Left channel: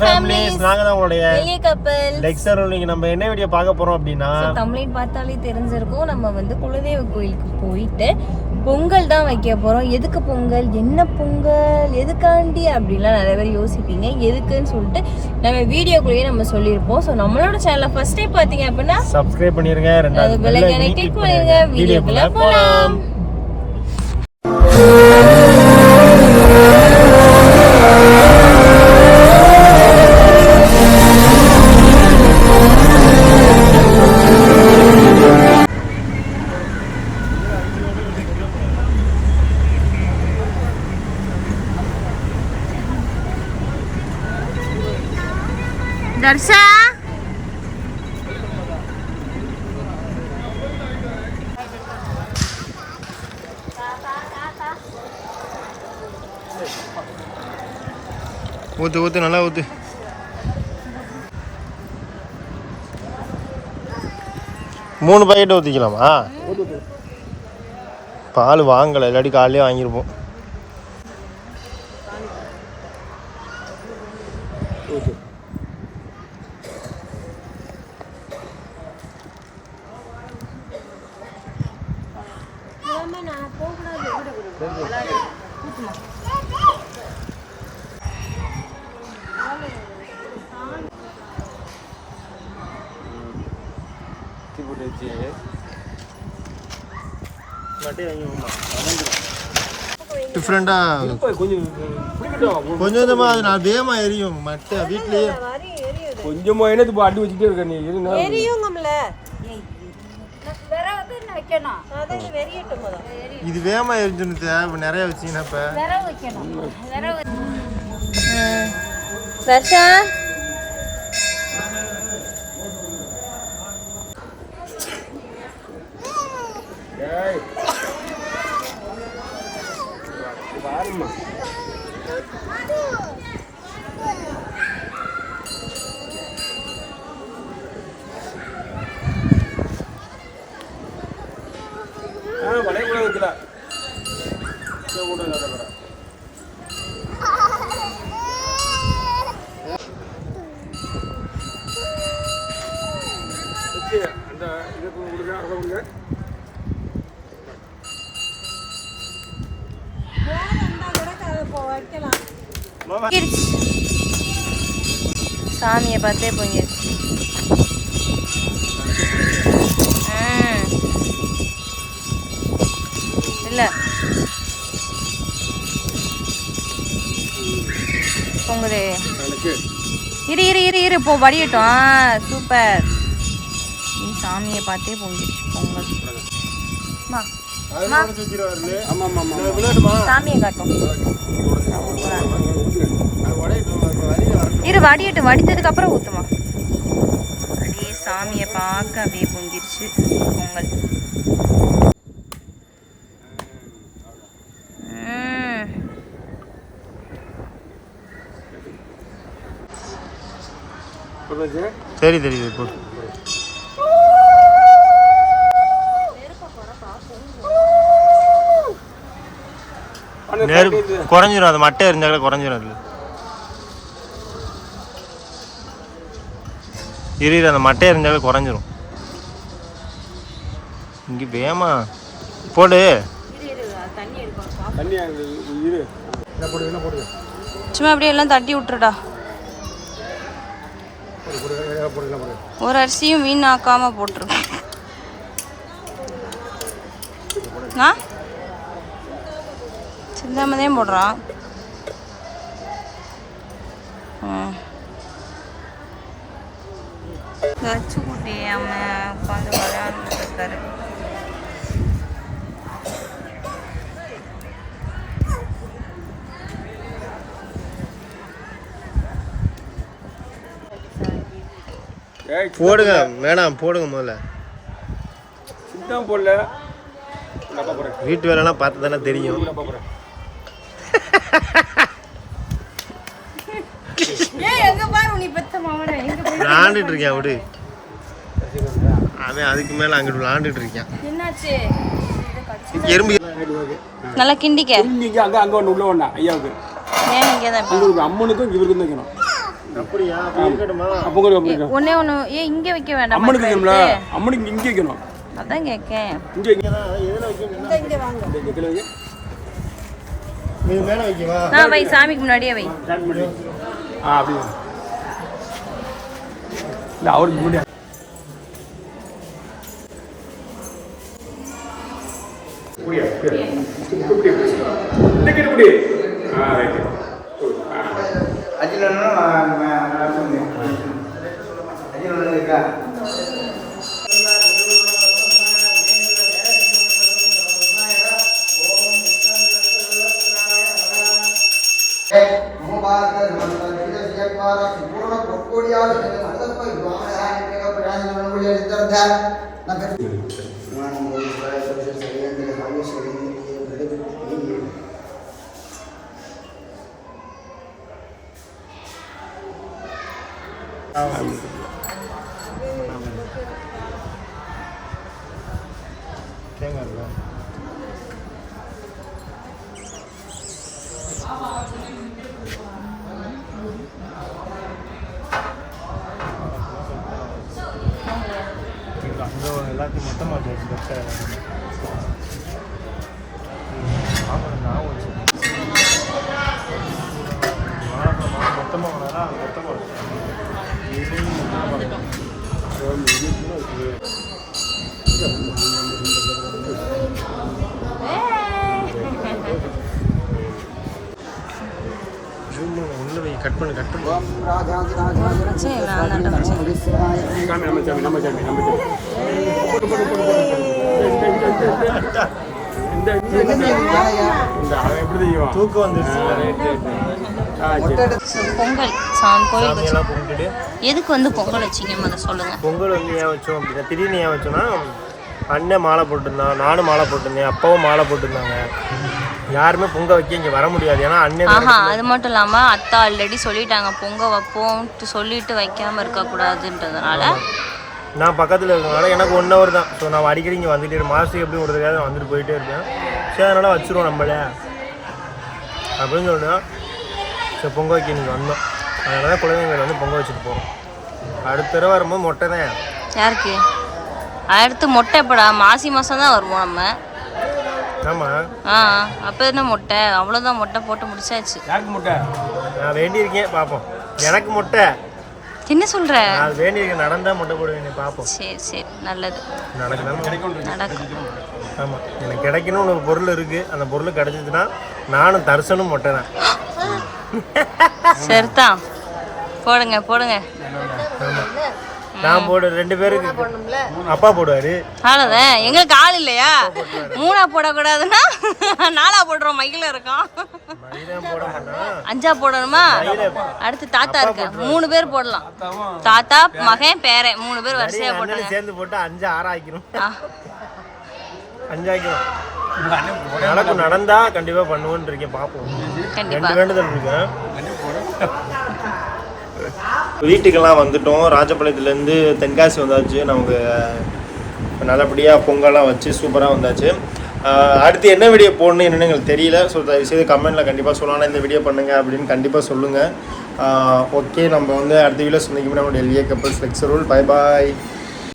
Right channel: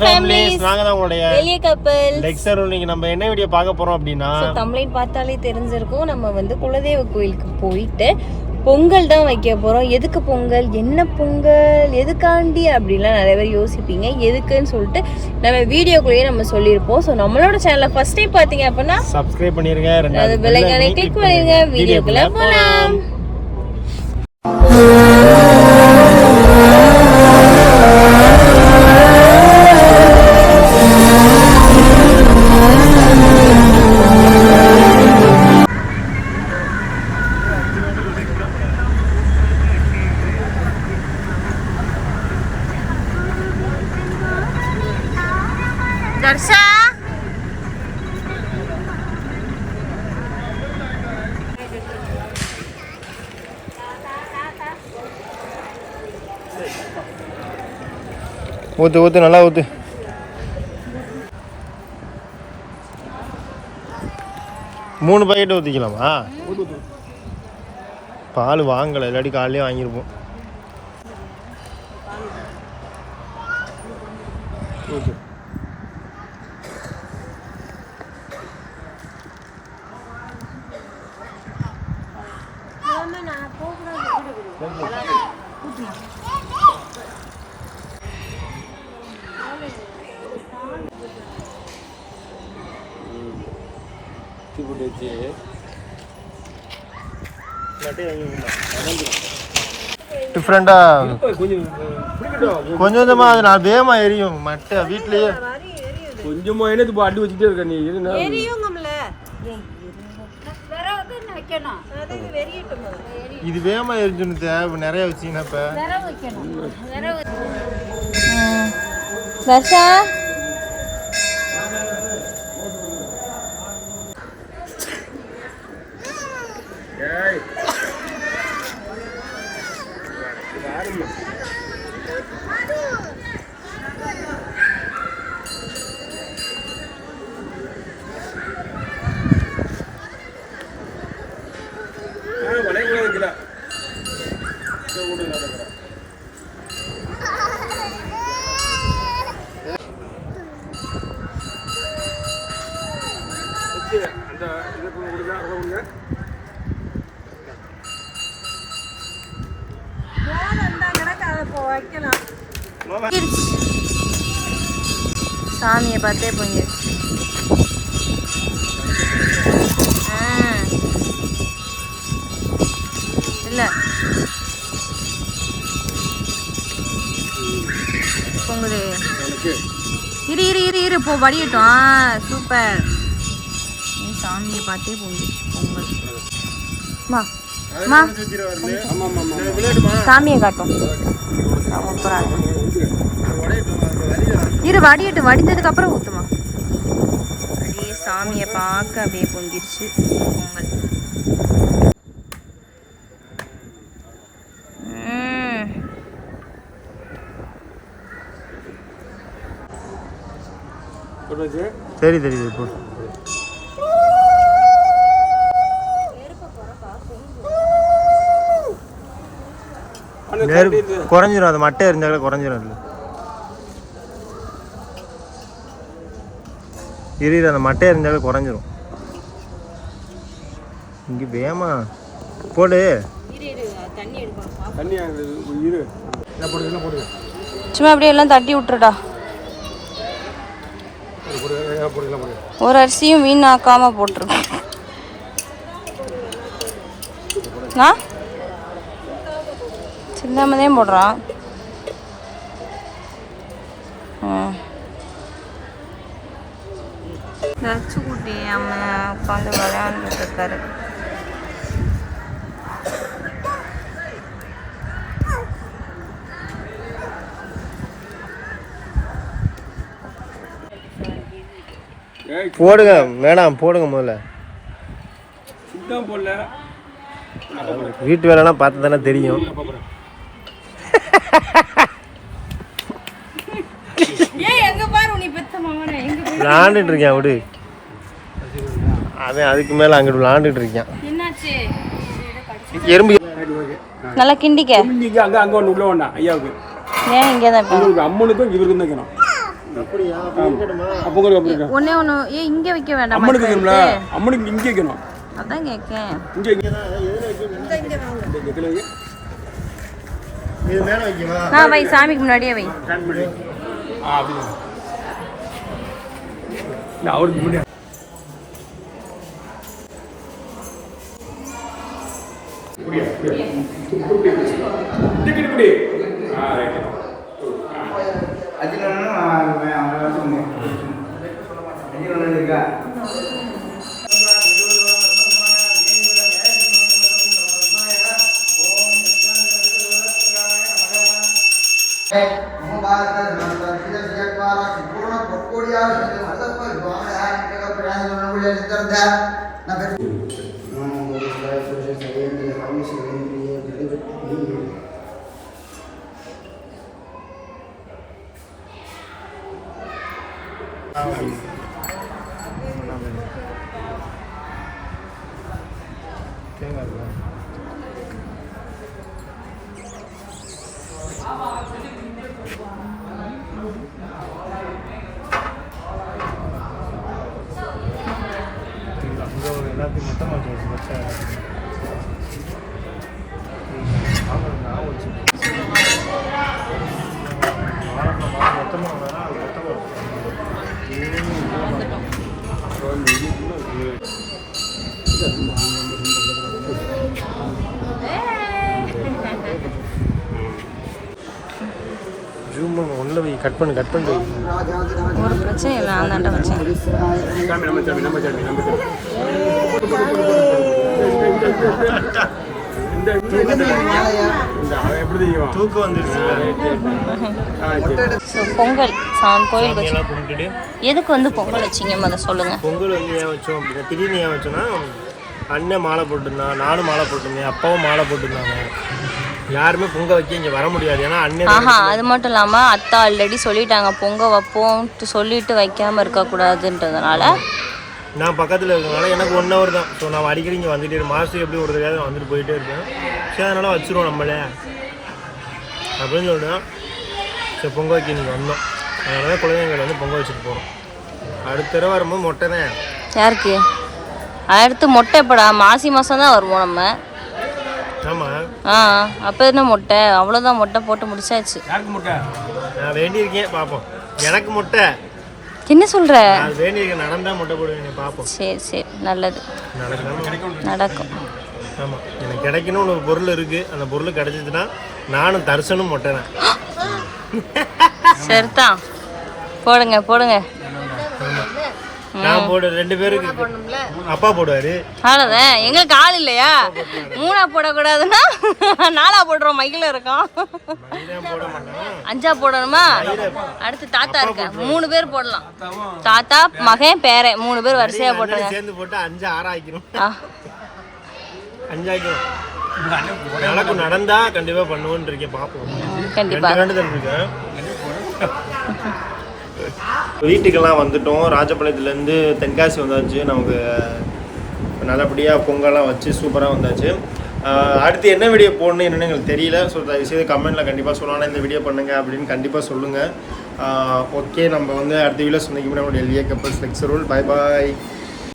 Families நாங்க தான் உங்களுடைய வெளிய கப்பல் டெக்ஸ்டர் இன்னைக்கு நம்ம என்ன வீடியோ பார்க்க போறோம் அப்படின்னா தமிழின் பார்த்தாலே தெரிஞ்சிருக்கும். நம்ம வந்து குலதெய்வ கோயிலுக்கு போயிட்டு பொங்கல் தான் வைக்க போறோம். எதுக்கு பொங்கல்? என்ன பொங்கல்? எதுக்காண்டி? அப்படின்லாம் நிறைய பேர் யோசிப்பீங்க. எதுக்குன்னு சொல்லிட்டு நம்ம வீடியோக்குள்ளேயே நம்ம சொல்லியிருப்போம். ஸோ நம்மளோட சேனலை ஃபர்ஸ்ட் டைம் பார்த்தீங்க அப்படின்னா சப்ஸ்கிரைப் பண்ணிருங்க. ரெண்டாவது விலைக்கான கிளிக் பண்ணிருங்க. வீடியோக்குள்ள போலாம். தர்ஷா. ஊத்து ஊத்து நல்லா ஊத்து. மூணு பாக்கெட் ஊற்றிக்கலாமா பால் வாங்கலை இல்லாட்டி காலையிலே வாங்கியிருப்போம். டிஃப்ரெண்டாக கொஞ்சம் கொஞ்சமாக அது நான் வேகமாக எரியும். மட்டை வீட்லேயே. கொஞ்சமா என்ன இப்போ அடி வச்சுட்டே இருக்க நீ. இது இது வேகமாக எரிஞ்சுன்னு தேவை நிறைய வச்சிங்கன்னா இப்போ பாரும்மா ஆ இதை கொடுங்க அதை கொடுங்க சாமியை பார்த்தே பொங்கிருச்சு. இல்ல. பொங்குது. இரு இரு இரு இரு போ வடியட்டும். சூப்பர். சாமியை பார்த்தே பொங்கிருச்சு பொங்கல். மா சாமியை காட்டும். இரு வடியட்டு. வடிஞ்சதுக்கு அப்புறம் ஊத்துமா? அப்படியே சாமியை பார்க்க அப்படியே பொங்கிருச்சு பொங்கல். சரி தெரியுது போடு நெரு குறைஞ்சிரும் அது மட்டை எரிஞ்சாலே குறைஞ்சிரும் அதில். இரு இரு, அந்த மட்டை எரிஞ்சாலே குறைஞ்சிரும். இங்கே வேமா போடு. தண்ணி அது இரு. என்ன போடுங்க என்ன போடுங்க சும்மா அப்படியே எல்லாம் தட்டி விட்டுருடா. ஒரு அரிசியும் வீணாக்காம போட்டிருக்கோம் ஆ சிந்தாமதே போடுறான் தச்சு குட்டி அம்மா உட்காந்து விளையாண்டுட்டு இருக்காரு. போடுங்க வேணாம் போடுங்க முதல்ல. போடல. வீட்டு வேலைலாம் பார்த்து தானே தெரியும். விளாண்டுட்டு இருக்கேன் விடு. அவன் அதுக்கு மேலே அங்கிட்டு விளாண்டுட்டு இருக்கான். என்னாச்சு? எறும்பு நல்லா கிண்டிக்க. இங்கே அங்கே அங்கே ஒன்று உள்ள வேண்டாம் ஐயாவுக்கு. ஏன் இங்கே தான் இப்போ? உங்களுக்கு அம்மனுக்கும் இவருக்கும் தான் வைக்கணும் அப்படியா? அப்ப இருக்கட்டுமா? பொங்கல் அப்படி இருக்கா? ஒன்னே ஒன்று ஏ இங்கே வைக்க வேண்டாம் அம்மனுக்கு வைக்கணும்ல அம்மனுக்கு இங்கே வைக்கணும். அதான் இங்கே வைக்க. எதுல வைக்க? இந்த கீழே வைக்க. இது மேல வைக்கவா? நான் வை சாமிக்கு முன்னாடியே வை. ஆ அப்படி இல்லை அவருக்கு முன்னாடி இப்படி இந்த கிட்ட இப்படி ஆ ரைட்டு. தேங்காய் இருக்கா? அங்க ஒரு எல்லாத்தையும் மொத்தமா வச்சு வச்சு. வாழைப்பழம் மொத்தமா வாங்கினா அது கட் பண்ணு கட் பண்ணி ஒரு பிரச்சனை இல்லை நான் வச்சேன் நம்ம சாமி நம்ம சாமி நம்ம சாமி பொங்கல். சாமி கோயில் எதுக்கு வந்து பொங்கல் வச்சீங்க? முத சொல்லுங்க. பொங்கல் வந்து ஏன் வச்சோம் அப்படின்னா திடீர்னு ஏன் வச்சோன்னா அண்ணன் மாலை போட்டிருந்தான் நானும் மாலை போட்டிருந்தேன் அப்பாவும் மாலை போட்டிருந்தாங்க. யாருமே பொங்க வைக்க இங்கே வர முடியாது. ஏன்னா அண்ணன் அது மட்டும் இல்லாமல் அத்தா ஆல்ரெடி சொல்லிட்டாங்க பொங்க வைப்போம் சொல்லிட்டு வைக்காம இருக்கக்கூடாதுன்றதுனால நான் பக்கத்தில் இருக்கனால எனக்கு ஒன் ஹவர் தான். ஸோ நான் அடிக்கடி இங்கே வந்துட்டே இருப்பேன். மாதத்துக்கு எப்படி ஒரு தடவை வந்துட்டு போயிட்டே இருப்பேன். சரி அதனால் வச்சுருவோம் நம்மளே. அப்படின்னு சொல்லிட்டு சரி பொங்க வைக்க நீங்கள் வந்தோம். அதனால தான் குழந்தைங்களை வந்து பொங்க வச்சுட்டு போகிறோம் அடுத்த தடவை வரும்போது மொட்டை தான். யாருக்கு? அடுத்து மொட்டை எப்படா? மாசி மாதம் தான் வருவோம் நம்ம. ஆமாம் ஆ அப்போ என்ன மொட்டை? அவ்வளோதான் மொட்டை போட்டு முடிச்சாச்சு. யாருக்கு முட்டை? நான் வேண்டியிருக்கேன் பார்ப்போம் எனக்கு முட்டை. என்ன சொல்கிற நான் வேண்டியிருக்கேன் நடந்தால் முட்டை போடுவேன் பார்ப்போம். சரி சரி. நல்லது. நடக்குதாமா நடக்கும். ஆமாம் எனக்கு கிடைக்கணும்னு ஒரு பொருள் இருக்குது அந்த பொருள் கிடைச்சிதுன்னா நானும் தரிசனும் மொட்டை தான். சரிதான் போடுங்க போடுங்க. நான் போடு ரெண்டு பேருக்கு அப்பா போடுவார். அவ்வளோதான் எங்களுக்கு ஆள் இல்லையா? மூணா போடக்கூடாதுன்னா நாலா போடுறோம் மயில இருக்கோம். மயிலாம் போட மாட்டான். அஞ்சா போடணுமா? அடுத்து தாத்தா இருக்க மூணு பேர் போடலாம். தாத்தா மகன் பேரன் மூணு பேர் வரிசையா போட்டுருங்க. சேர்ந்து போட்டு அஞ்சு ஆறு ஆக்கிரும். ஆ, அஞ்சு ஆக்கிரும் நடக்கும் நடந்தா கண்டிப்பா பண்ணுவோன்னு இருக்கேன் பார்ப்போம் கண்டிப்பா. ரெண்டு வேண்டுதல் இருக்கு வீட்டுக்கெல்லாம் வந்துட்டோம். ராஜபாளையத்துலேருந்து தென்காசி வந்தாச்சு. நமக்கு நல்லபடியாக பொங்கல்லாம் வச்சு சூப்பராக வந்தாச்சு. அடுத்து என்ன வீடியோ போடணும் என்னென்னு எங்களுக்கு தெரியல. ஸோ தயவுசெய்து கமெண்ட்டில் கண்டிப்பாக சொல்லலாம் இந்த வீடியோ பண்ணுங்க அப்படின்னு கண்டிப்பாக சொல்லுங்கள் ஓகே நம்ம வந்து அடுத்த வீடியோ சந்திக்கும் நம்மளுடைய L A couples lecture rule bye bye